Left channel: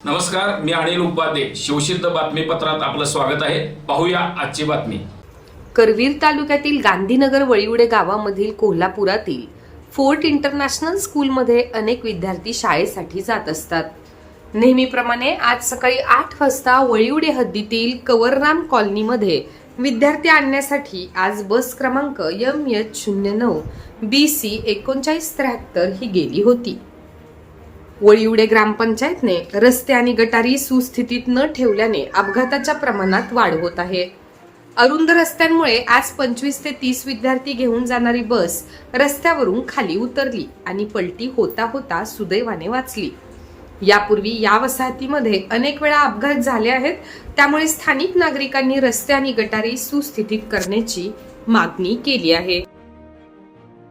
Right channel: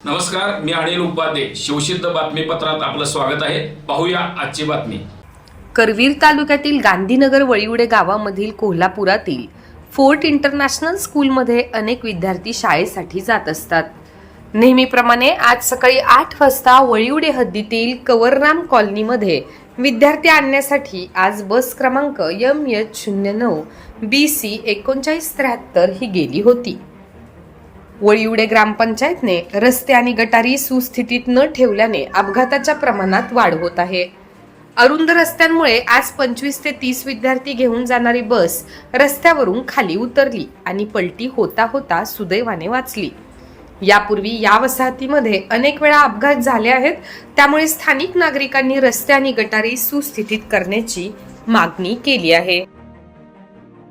नमस्कार मी अनिल उपाध्ये. शिवसिद्ध बातमीपत्रात आपलं स्वागत आहे. पाहूया आजची बातमी. करवीर तालुक्यातील गांधीनगर वळिवडे गावामधील कोल्हापुरातील फोर्ट इंटरनॅशनल स्कूलमध्ये अनेक विद्यार्थी शाळेसाठी जात असतात. नेहमीप्रमाणे आज सकाळी आठ वाजता वळिवडे हद्दीतील कवरराम कॉलनीमध्ये विद्यार्थी आणण्यासाठी आज बस क्रमांक एम एच शून्य नऊ बी सी एकोणचाळीस त्र्याहत्तर ही गेली होती. वळीवडे ग्रामपंचायतने रस्ते आणि गटारी सुस्थितीत न ठेवल्याने अपघाताच्या प्रमाणात वाढ होत आहे. अरुंद रस्त्यांमुळे आज पंचवीस ते तीस विद्यार्थी घेऊन जाणारी बस रस्त्यावरून खाली उतरली आणि पलटी होता होता सुदैवाने वाचली. यापूर्वी या वसाहतीमध्ये अनेक वेळा अपघात झाले आहेत त्यामुळे स्थानिक नागरिकांनी रस्ते आणि गटारी सुस्थितीत करण्याची मागणी केली आहे.